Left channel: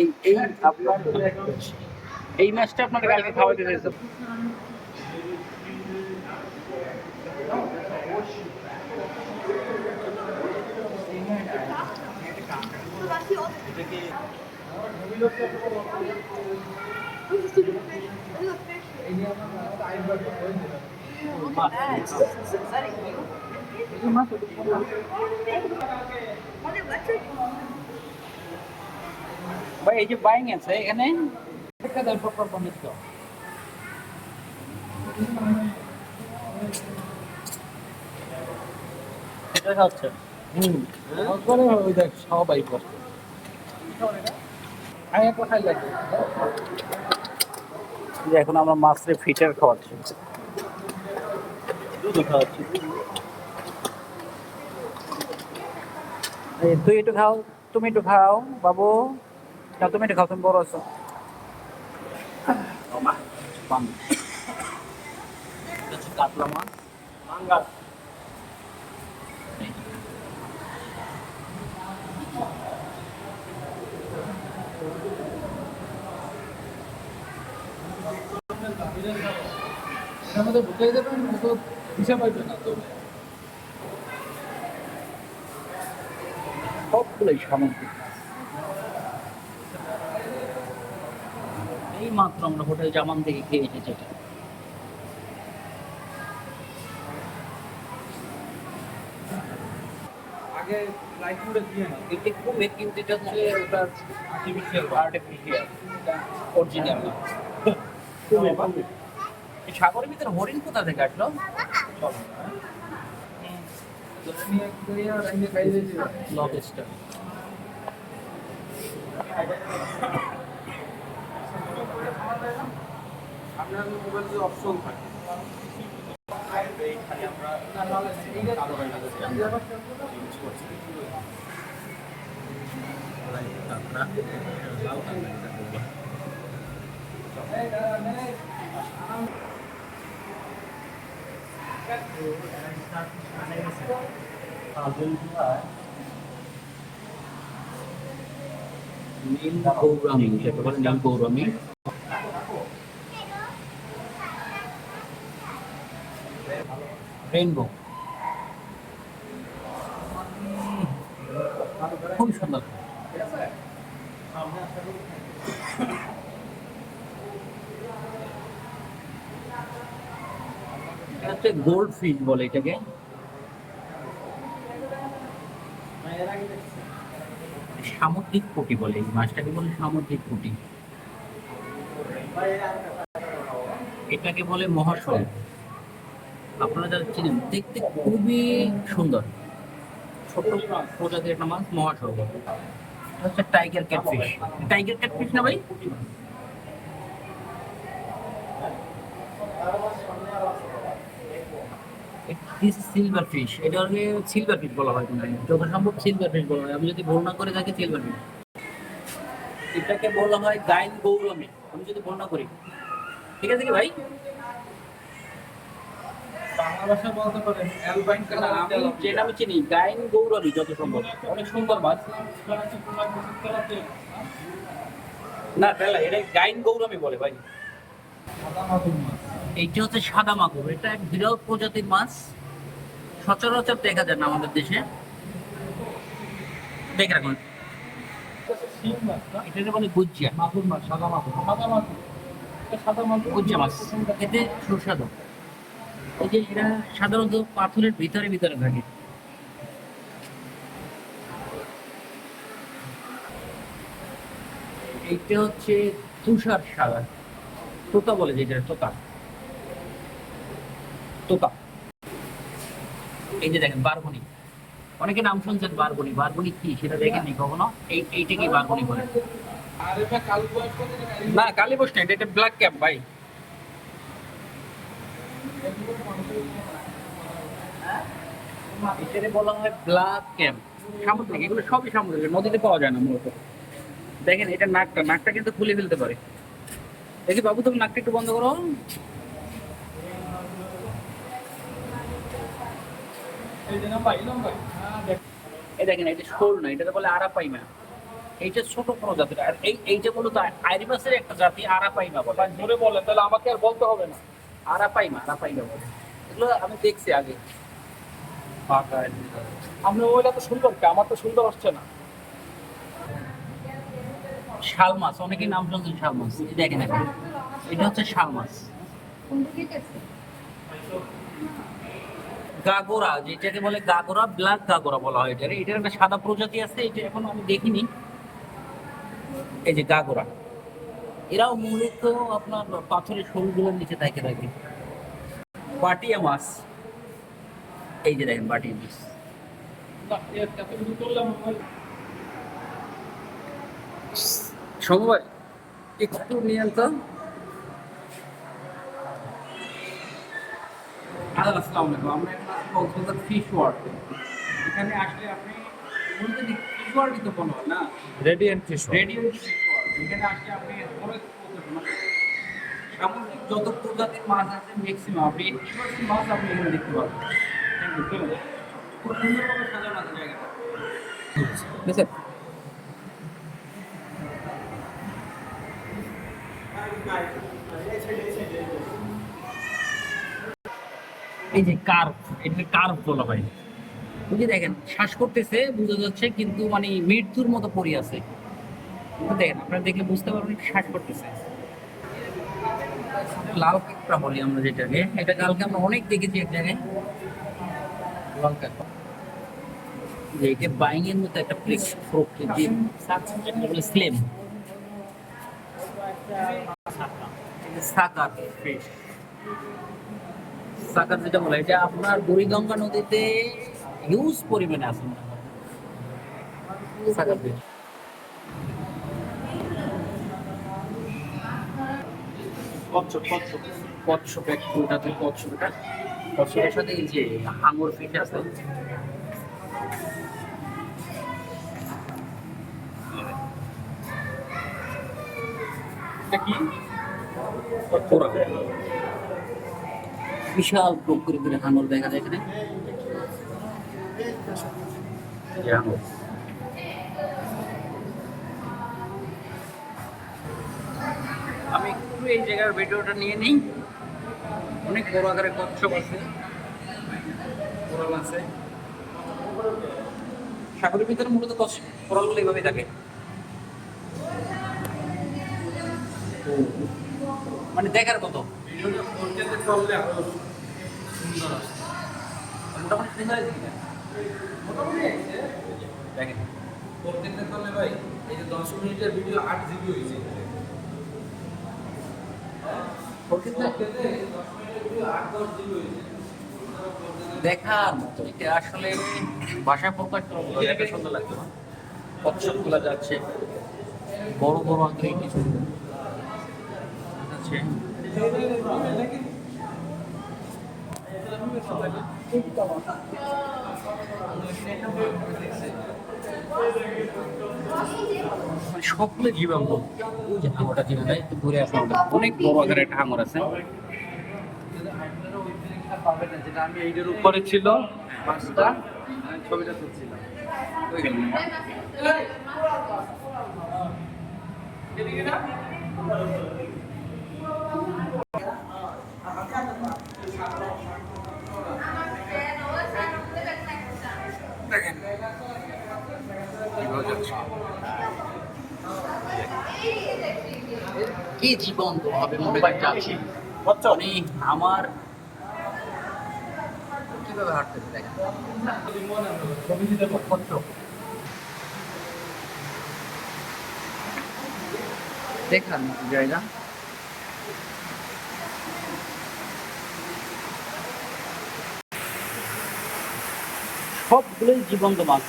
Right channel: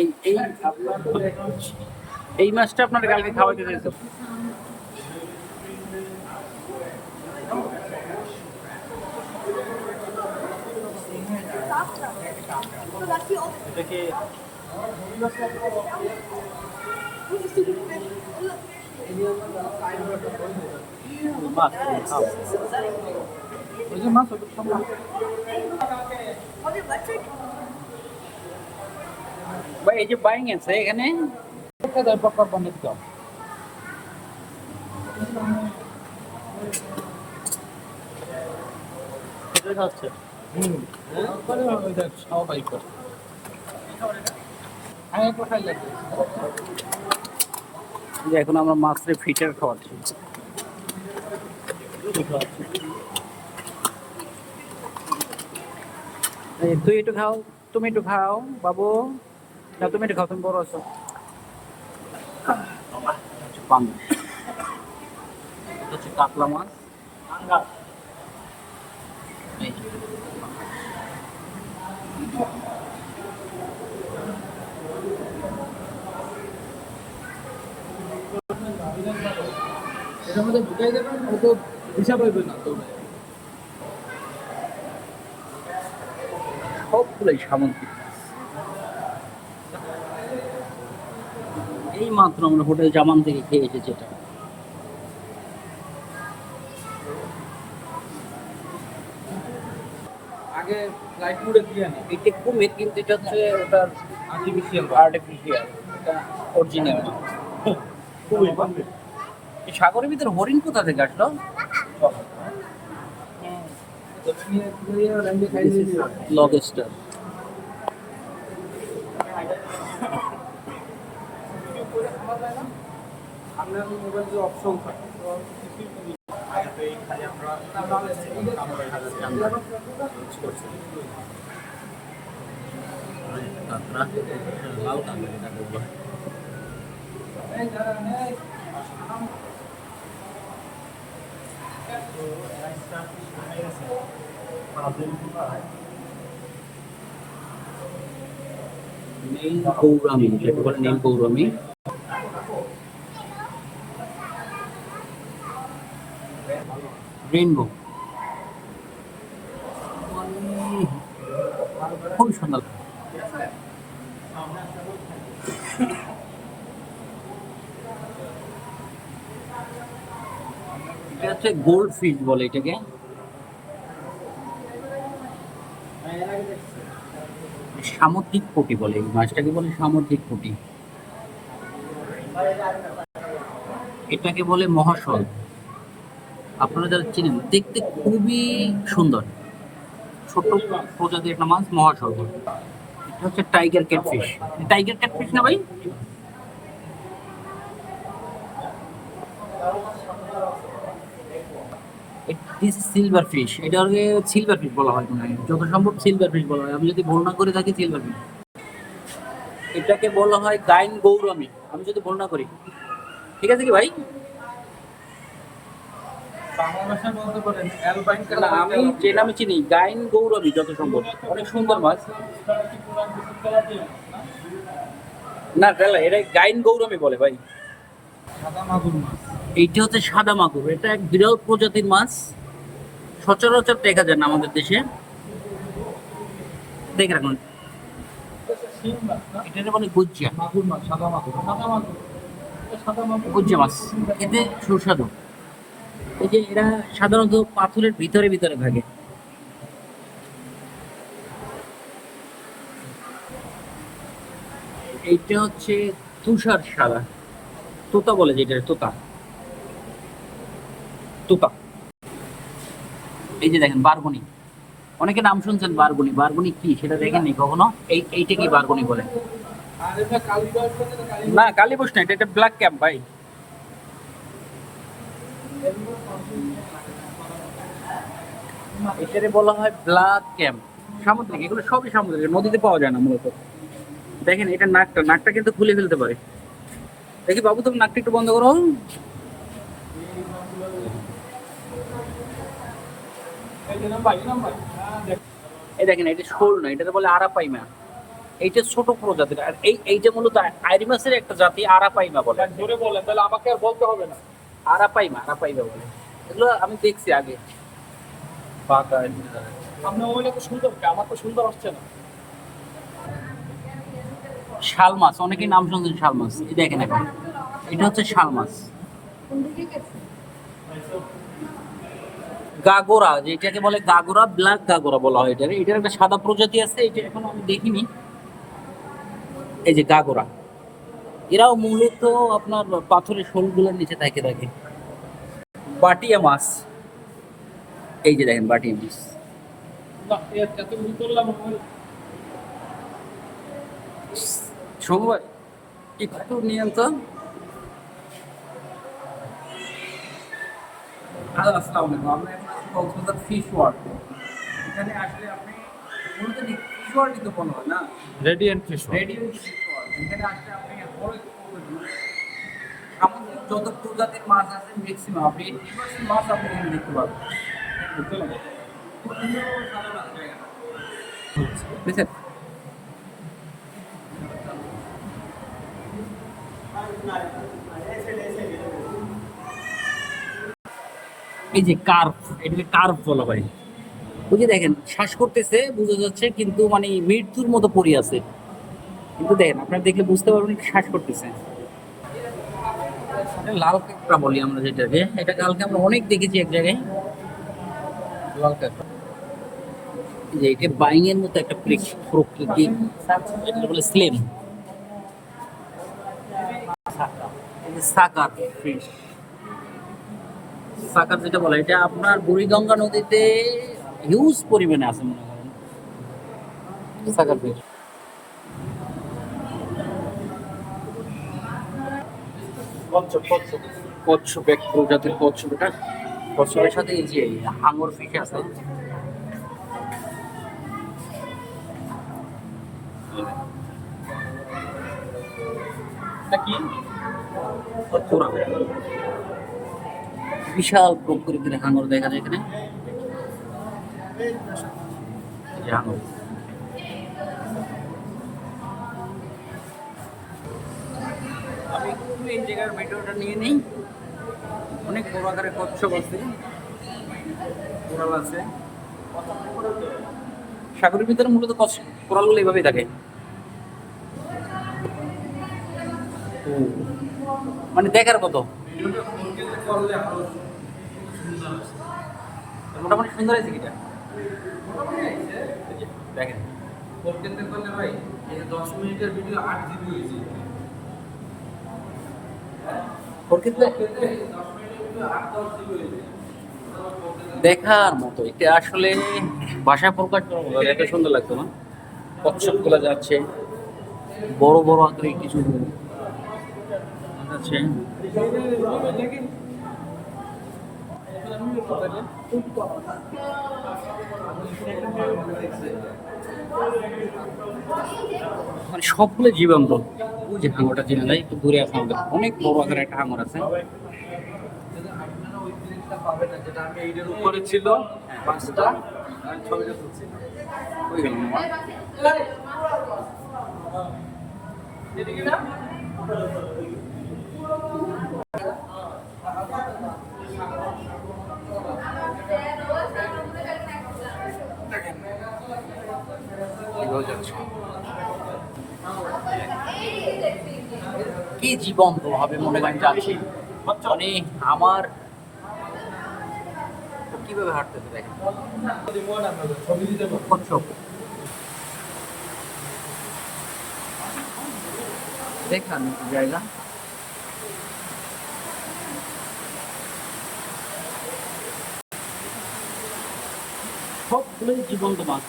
এই এই আপনার এই মাছটা আপনার কালকে খাওয়াইতে চাইছে। ভাই এই যে বাইং আছে এখানে খাচ্ছে এখন আমরা মাছের ফিচার খাওয়াচ্ছি, তুই একটু খাও, তুমি একটু খাও বাবু, না তুমি একটু খাও, তুমি বড় আছো। কাতলা মাছ, এটার মধ্যে ঢুকিয়ে দেবেন, ও তো দিশা পাইবে না তো। সবগুলোই সামুদ্রিক মাছ। এই মাত্র আমরা হোটেল জামান থেকে খেয়ে এসেছি এটা। আগে লাইট মুডে দিয়ে না, এটা কুমির কিন্তু এটা হচ্ছে ওটা আর্টিফিশিয়াল, এটা অরিজিনাল না। এই সাগরের ভিতরে হরিণ কোথা থেকে আসলো? লবস্টার। অপশন থাকে নীল গৌরামী, যেটা বলে নীল গৌরামী। রেইনবো খুবই সুন্দর। এটা হচ্ছে গোল্ড ফিশ বলে এটাকে। সামুদ্রিক পুঁটি বলে এই মাছটাকে, বলে সামুদ্রিক পুঁটি। এটাকে বলে মহাশল। আপনারা যারা চিনেন, দেখতে খুবই সুন্দর, ছোট প্রজাতির একটা মাছ, মহাশল। এটা হচ্ছে টাইগার ক্যাটফিশ। টাইগার ক্যাটফিশ না ভাই? সিলভার ফিশ, এটাকে সিলভার ফিশ বলা হয়, যত সম্ভব সিলভার ফিশ বলা হয়, আমি যদি ভুল না করে থাকি সিলভার ফিশ। এটাকে বলা হয় গাইন গৌরমী, আমি যদি ভুল না করি। ঠিক আছে কি ভাই? বাংলা ভাষায় বলতে পারেন অ্যালবাইন। আমি যে নামে চিনি গাইন গৌরমী, যত সম্ভব অনেক সুন্দর মাছ। না এটা গাইন গৌরমী বলে ভাই। সাদা মাগুর মাছ, এইটা হচ্ছে সাদা মাগুর। এটা এক বিরল প্রজাতির মাছ, সচরাচর দেখা যায় না আমাদের দেশে। দেখে রাখুন, শিং মাছ না, এটা মানে গুজিয়া মাগুর মাছ, সাদা মাগুর, সাদা মাগুর, এটা সাদা মাগুর গুজিয়া মাছ, এতে সুস্বাদু। এই যে এরা সাধারণত পাথরের ভিতরে ভিতরে থাকে। এইটা হচ্ছে তুষার সাদা, তোতা বলে যেটা, তোতা তোতা। এই যে দেখেন বারগুনি, অনেকে নাম শুনছেন বারগুনি। বারগুনি কি সেটা দেখেননি কখনো? এইটা কি বারগুনি বলে? আর এটা কালীবাস করে না, না কালীবোস না, এটা ব্ল্যাক ক্যাপ ভাই। এটারে বলা হয় ব্ল্যাক ক্যাম্প। সামুদ্রিক, এগুলো সবই সামুদ্রিক, নদীতে পাওয়া যায় না মূলত। দেখেন এটা নাকটা, নাকটা কিন্তু খুলে ফেলতে পারে। দেখি বাবু, তুমি নাকটা একটু বন্ধ করো। এই যে নাম্বার, এই দেখেন এটা শোল না, এটাতে বলে আরাপাইমা। এইটা ছোট প্রজাতির, আর এইটা মূলত আইরিমাসের একটা জাতি, আরাপাইমা বলে। ভাই ধরে বলেন, তাহলে আমাকে আর বলতে হবে না। আরাপাইমা বলে। এগুলো আমি দেখছি আগে। আপনার ওইটা তো সুন্দর, আমার তো সুন্দর আসছে না। শাল মাছ, অনেকেই নাম শুনছেন শাল মাছ, এই দেখেন এখন এটা হচ্ছে শাল মাছ। গাগোরা, যেটাকে বলে গাগোরা, ব্ল্যাক গাগোরা বলা হয় এটার। এটার একটা সাদা প্রজাতি আছে, এটা এখনো আমি দেখিনি। এই যে গাগোরা, এরাও মূলত আপনার পাথরের শোলগুলোর নিচে থাকে থাকে। বাটিয়া মাছ, এই যে দেখেন বাটিয়া মাছ। না, এত কিছু করলাম না ভাই। সময় একটু নিয়ন্ত্রণ। আসসালামু আলাইকুম, আমরা এখন আছি কক্সবাজার ফিশ ওয়ার্ল্ড। এখানে আসলে আপনি মূলত ফিশ ওয়ার্ল্ডই তো বলা হয় না, radiant fish. Radiant fish world. এখানে আসলে আপনি অনেক মানে সামুদ্রিক যত প্রজাতির মাছ আছে ম্যাক্সিমাম আপনি 80% মাছ আপনি এখানে দেখতে পাবেন। চলুন, খুব সুন্দরভাবে সাজানো আছে জায়গাটা, বুঝছেন? এই যে কার্ভ, এটাকে কার্ভ বলা হয়। ওই যে দেখেন শ্বাস করতেছে বোঝা যাচ্ছে, কিন্তু মানে মৃত্যুর মতো পড়ে আছে। কিন্তু দেখেন আপনারা দেখলে বুঝতে পারবেন শ্বাস করতেছে। এটা লাল কাঁকড়া বলি আমরা যেটাকে, এটা কালকে আমরা অনেক দেখেছি এক জায়গায়, লাল কাঁকড়া। যে এটা বাইং এর মতো একটা প্রকৃতি, যেটা বলে স্লেম। সাকার ফিশ, সাকার যেটা বলে, এটা আপনার বুড়িগঙ্গা নদীতে হিউজ পরিমাণে আছে মনে হয় সাকার ফিশ। কচ্ছপ, এক প্রজাতির কচ্ছপ এটা। কচ্ছপের সাথে এই যে হাঙর ফিশ আছে। এটা কি? পুরা বিশাল প্রকৃতির হাঙর দেখা যায় এখানে। এই হাঙর আমি একটু এই জায়গার ভিডিওটা নিয়ে নিই। অনেক বড় আকারের কচ্ছপ আছে, কোরাল আছে। সাগরের ভিতরে মূলত কোরালগুলো এইভাবেই থাকে। মানে দেখার কত মোটামুটি সুন্দর আছে কিটা দেখেন। ভাই এই যে 10 মিনিটের ভিডিও 8 জিবি হয়েছে। দেখার মতো, এটা আসলে ভাষা প্রকাশ এত সুন্দর লাগতো না। কচ্ছপ গুলা যাচ্ছে, বড় বড় আকারে কিছু আছে। মানে সবগুলো জীবন্ত। ওই যে হাঙরটা চিনে যায়, একটু দূরে আছে আমাদের, অনেক বড় আকারের একটা হাঙর আছে। আপনারা ওই জিনিসটা পাবেন না, যেটা আমি এইটার উপরে ছিল মাছটা, আমি ছবিটা তুলছিলাম। ওই গেল না। দেখেন কিভাবে যাচ্ছে, কি জীবন্ত ভাবে মনে হয় যাচ্ছি। মানে আমার কিভাবে হাঁটতেছে দেখেন। কচ্ছপ দেখার মতো জায়গা। সবগুলোই জীবন্ত মাছ।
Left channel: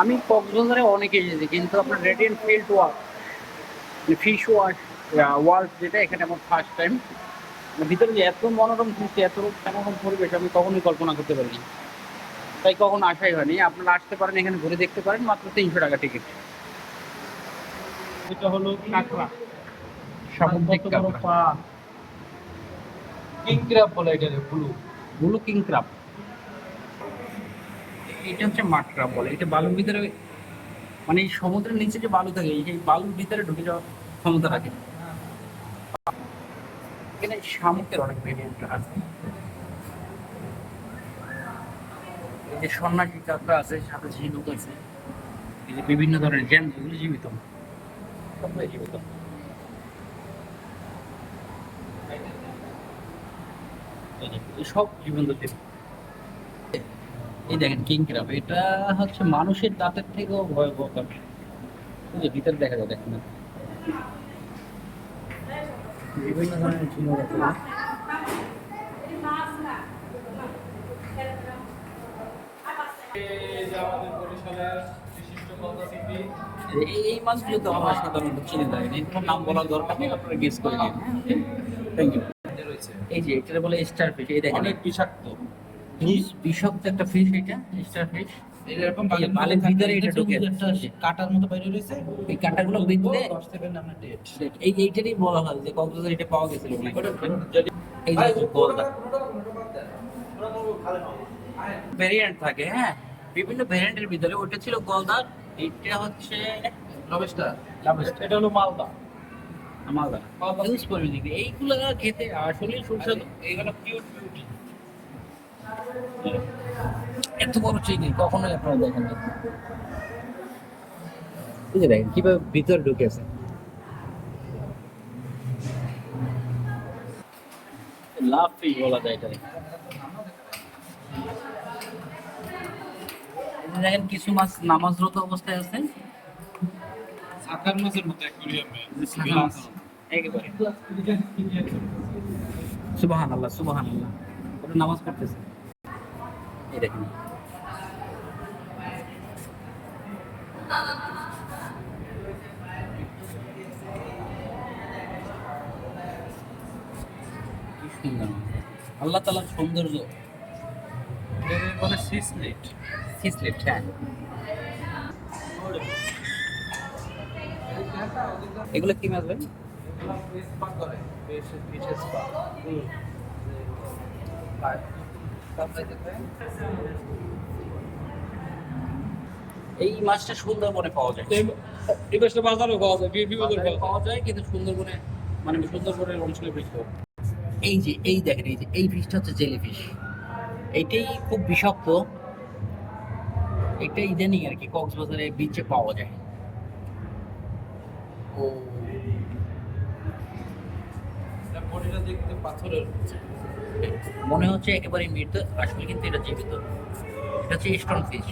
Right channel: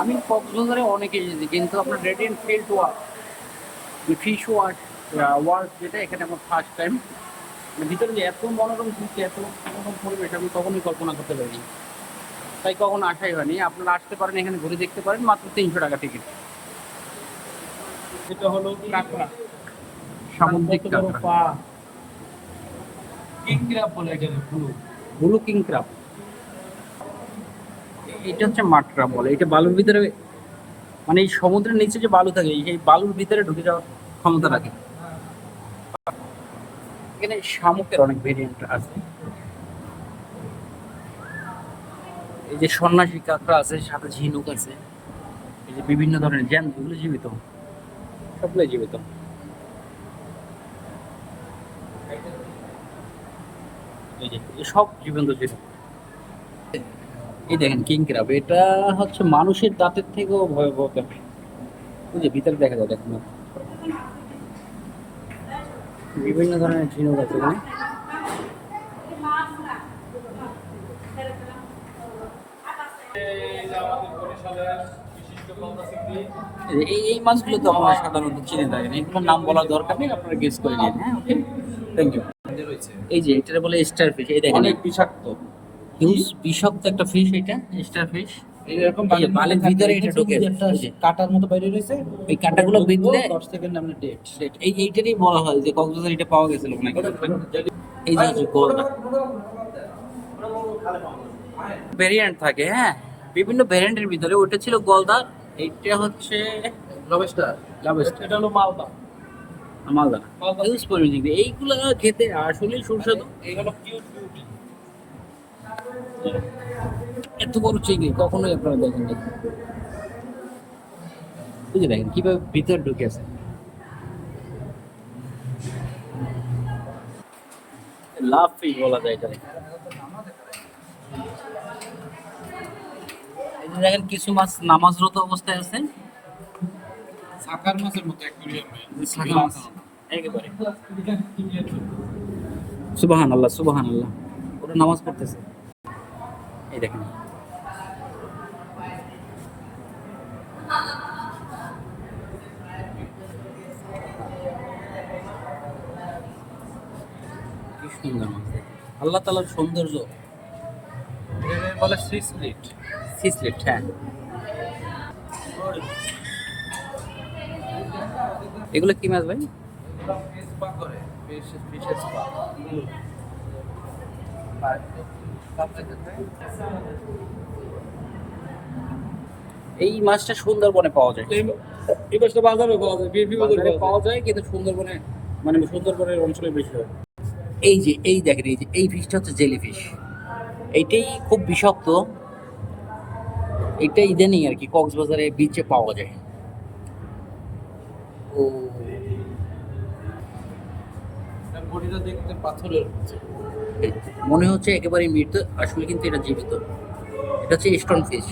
আমি কক্সবাজারে অনেক এসেছি, কিন্তু আপনার রেডিয়েন্ট ফিল্ড ফিশ ওয়ার্ল্ড যেটা, এখানে আমার ফার্স্ট টাইম। ভিতরে যে এত মনোরম দৃশ্য, এত মনোরম পরিবেশ আমি কখনোই কল্পনা করতে পারিনি, তাই কখনো আসাই হয়নি। আপনারা আসতে পারেন, এখানে ঘুরে দেখতে পারেন, মাত্র 300 টাকা টিকিট। এটা হলো কাঁকড়া, সামুদ্রিক কত বড় কাঁকড়া, পা। কিং ক্র্যাব বলে এটা, ব্লু। Blue king crab. এটা হচ্ছে মাটরা বলে, এটা বালুর ভিতরে, মানে এই সমুদ্রের নিচে যে বালু থাকে এই বালুর ভিতরে ঢুকে যাওয়ার ক্ষমতা রাখে। এখানে শামুকের অনেক ভেরিয়েন্ট আছে। এই যে সন্ন্যাসী কাঁকড়া আছে, সাথে ঝিনুক আছে, এই যে বিভিন্ন ধরনের জ্যাম, এগুলো জীবিত, সবগুলো জীবিত। এই যে এই সব জীবন্ত ছিল। এই দেখেন কিং ক্রাব, এটা হচ্ছে মানুষের দাঁতের থেকেও ভয়াবহ ব্যাপার। ওই যে ভিতরে দেখা যায়, দেখেন না? বিভিন্ন ধরনের ঝিনুক আছে এখানে। এই মাছগুলো তো আমরা সাধারণত চিনে থাকি, এগুলোর নাম বলার দরকার নেই, আপনারা গেস করে নিন। হ্যাঁ, ওকে, থ্যাংক ইউ। এই যে এটা বলে স্টার ফিশ, এই দেখেন অনেক বিষাক্ত। হিউজ বিষাক্ত একটা ফিশ, এটা স্টার ফিশ। এরকম বালের ভিতরে এটা ঢুকে একটা কাটার মতো বাইরে রয়েছে, এই কাঁটাগুলো বিঁধলে 10 সেকেন্ড আমরা ডেট। এইটারই বলা হয় যে কক্সবাজার এটা পাওয়া গেছিল নাকি। এই যে গোলটা ভেরিয়েন্ট থাকে, হ্যাঁ, বিভিন্ন ভেরিয়েন্টের ভিতরে ওটা ছিল গলদা, এইটা হচ্ছে লবস্টার। লাভেস্ট, এটা হলো মালদা। মালদা। ইউজ করে দিবে এইগুলো খেতে আসলেই সুস্বাদু। এইগুলো কিউট বিউটি। এত বড় চিংড়ি কখনোই আপনারা দেখেন না। বুঝে দেখেন কিভাবে ভিতরে ঢুকে আছে। লাভ ফিশ বলা যায় এটা। এই যে দেখেন কিছু মাছ নামাজরত অবস্থায় আছে, সাকার মাছের মতো অ্যাকোয়ারিয়ামে। সাদা মাছ একেবারে। সুবহানাল্লাহ সুবহানাল্লাহ, ওরা নামাজ পড়তেছে। এই দেখেন কি সুন্দর মাছ, আল্লাহ তাআলার সৌন্দর্য। এদের বলে সি স্লিট। সিসলেট, হ্যাঁ। এগুলো কি মাছ ভাই? এগুলো ফিশ পা করে, ফিশের পা। এই মাছটা সুন্দরবনে পাওয়া যায়। এই মাছটা বাজারে পাওয়া যায়, বাজারে পাওয়া যায় কিন্তু সুন্দরবনে, মানে সুন্দরবনের অঞ্চলে বেশি হয়। এই যে এই দেখেন, এই যে এই ফিশটা হচ্ছে জেলি ফিশ, এইটাই খুব বিষাক্ত। এটা ইদানিং আর কি কক্সবাজারে বিচে পাওয়া যায়। ও বডিটা দেখতে পাথরের। মনে হচ্ছে একেবারে মৃত, আসলে কিন্তু এটা জীবিত। এটা হচ্ছে স্টোন ফিশ।